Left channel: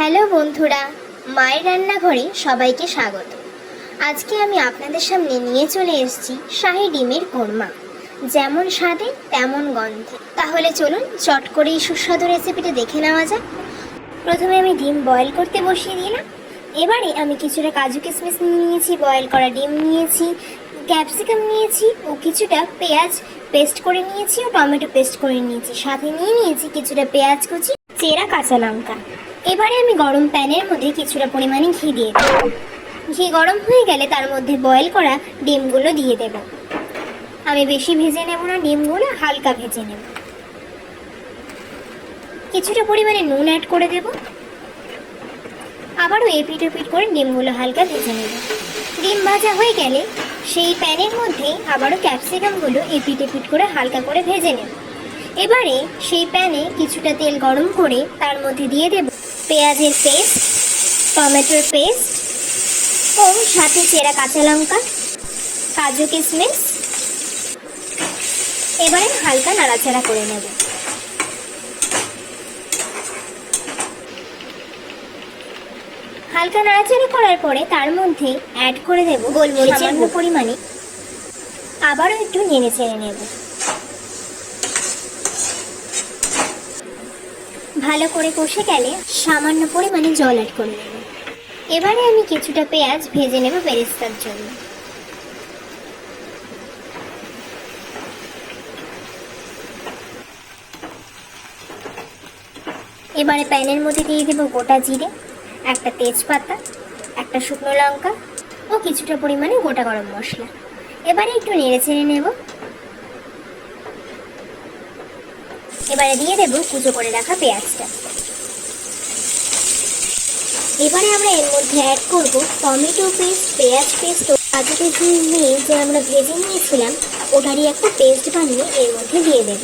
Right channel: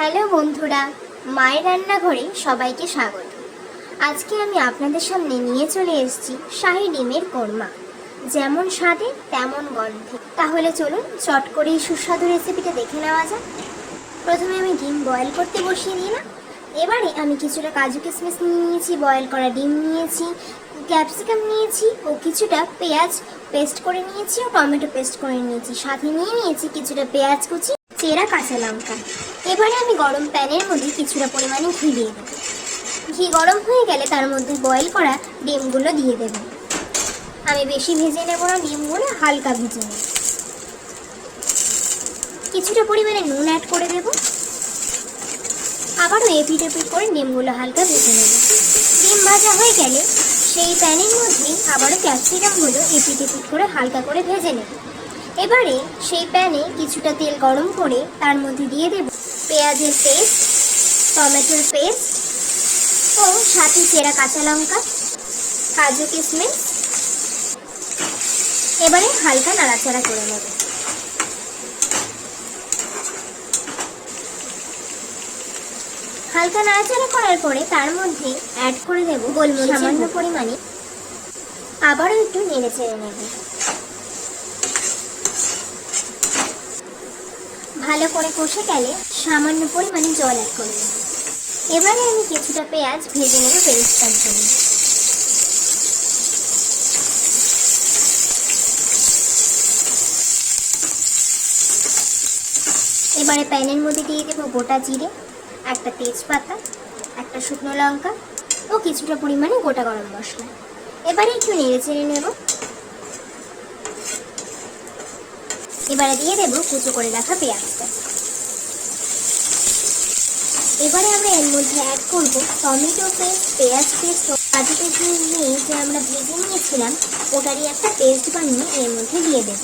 Hello বন্ধুরা, মায়ের রান্নাঘরে সবাইকে স্বাগত। আজকে আমি আপনাদের সামনে নিয়ে চলে এসেছি শাহী ডিমের কোরমা। যেমন স্বাদে তেমন গন্ধে। তাহলে চলুন চট করে এই সুস্বাদু রেসিপিটা দেখে নেওয়া যাক। প্রথমে আমি ডিম বয়েল করতে বসিয়ে দিলাম। এবারে আমি কিছুটা কাজু কিশমিশ নিয়েছি, বয়েল করা ডিম নিয়েছি, ক্যাপসিকাম নিয়েছি ও কিছুটা পেঁয়াজ পেস্ট করে নিয়েছি ও টমেটো পেস্ট করে নিয়েছি। সাথে নিয়েছি কিছুটা পেঁয়াজ কুচি, চেরা কাঁচা লঙ্কা। এবারে আমি গরম প্যানের মধ্যে কিছুটা পরিমাণে ঘি দিয়ে দেব। ঘি গরম হয়ে গেলে তার মধ্যে বয়েল করা ডিমগুলো দিয়ে দেব। আমি বেশি ভেজে নেব না, ডিমগুলো হালকা ভেজে নেব। কিছুটা পরিমাণে নুন অ্যাড করে দেব। আবারও এপিট ওপিট করে ডিমগুলো হালকা ভেজে নেব। ডিম ভাজা হয়ে গেলে সেই প্যানের মধ্যেই আবারও ক্যাপসিকামগুলো এপিট ওপিট করে হালকা করে ভেজে নেব। এবারে সেই প্যানে কিছুটা তেল গরম করে তার মধ্যে দিয়ে দেব পেঁয়াজের পেস্ট, টমেটোর পেস্ট ও সাথে চেরা কাঁচা লঙ্কা, কাজু কিশমিশ। এবারে হালকা নাড়াচাড়া করে নেব। হালকা নাড়াচাড়া করার পরে তার মধ্যে অ্যাড করে দেব গোলমরিচের পরিমাণে। আবারও একটু নেড়ে চেড়ে নেব। ভালো করে কষে গেলে সামান্য পরিমাণে জল অ্যাড করে নেব। এবারে আমি কিছুটা পেঁয়াজ ভেজে নেব বেরেস্তার জন্য। এবারে প্যানের মধ্যে দিয়ে দেব গোটা জিরে, একটা তেজপাতা, একটা শুকনো লঙ্কা ও কিছুটা পরিমাণে গোটা গরম মশলা। এবারে একটু নেড়ে চেড়ে নেব। এবারে দিয়ে দেব কুচো করে রাখা পেঁয়াজটা। এবারে আমরা এর মধ্যে অ্যাড করব টমেটো পেস্ট, পেঁয়াজ পেস্ট ও কাজু কিশমিশ নিয়ে যে আমরা ভেজে নিয়েছিলাম ওটারই একটা পেস্ট বানিয়ে এর মধ্যে দিয়ে দেব।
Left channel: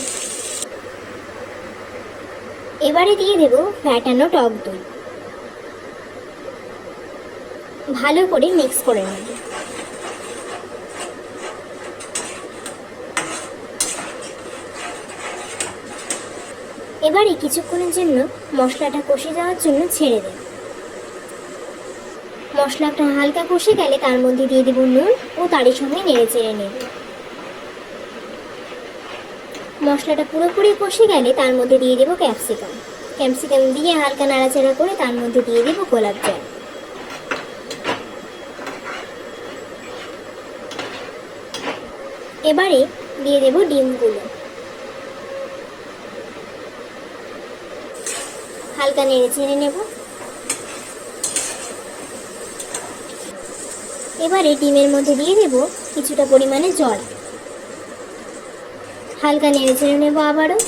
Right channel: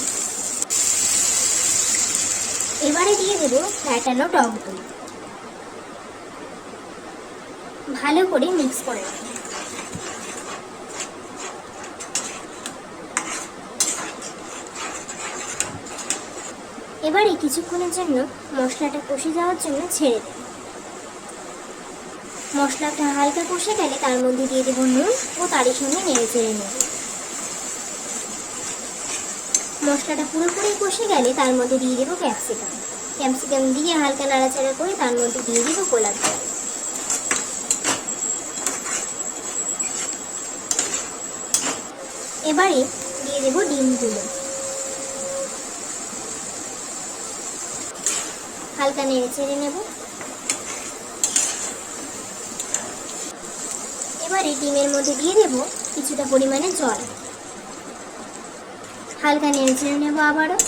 এবারে দিয়ে দেব ফ্যাটানো টক দই। ভালো করে মিক্স করে নেব। এবারে কিছুক্ষণের জন্য মশলাটা কষে যাওয়ার জন্য ছেড়ে দেব। মশলাটা হালকা কষে গেলে তার মধ্যে দিয়ে দেব নুন ও তারই সঙ্গে নেড়ে চেড়ে নেব। মশলাটা পুরোপুরি কষে গেলে তার মধ্যে দিয়ে দেব ক্যাপসিকাম। ক্যাপসিকাম দিয়ে হালকা নাড়াচাড়া করে তার মধ্যে দিয়ে দেব গোলাপ জল। এবারে দিয়ে দেব ডিমগুলো। হালকা নেড়ে চেড়ে নেব। এবারে ডিমের মধ্যে দিয়ে দেব কিছুটা পরিমাণে জল। হালকা নেড়ে চেড়ে নেব আবারও।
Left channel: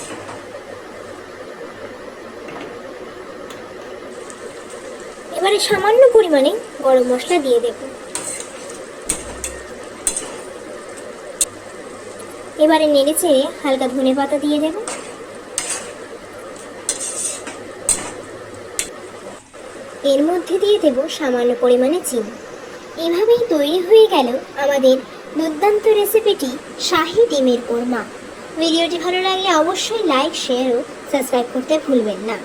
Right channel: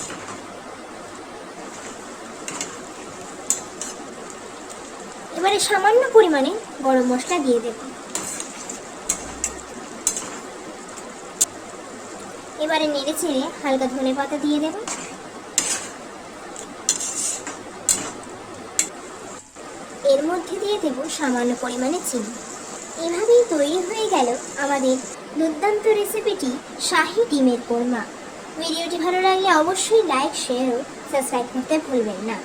এবারে সামান্য পরিমাণে গরম মশলা দিয়ে দেব। এবারে নেড়ে চেড়ে হালকা ধনেপাতা দিয়ে দেব। এর মধ্যে দিয়ে দেব সামান্য পরিমাণে চিনি। এভাবেই তৈরি হয়ে গেল আমাদের দুর্দান্ত রেসিপিটি শাহী ডিমের কোরমা। ভিডিওটি ভালো লাগলে অবশ্যই লাইক, শেয়ার ও সাবস্ক্রাইব করতে ভুলবেন না।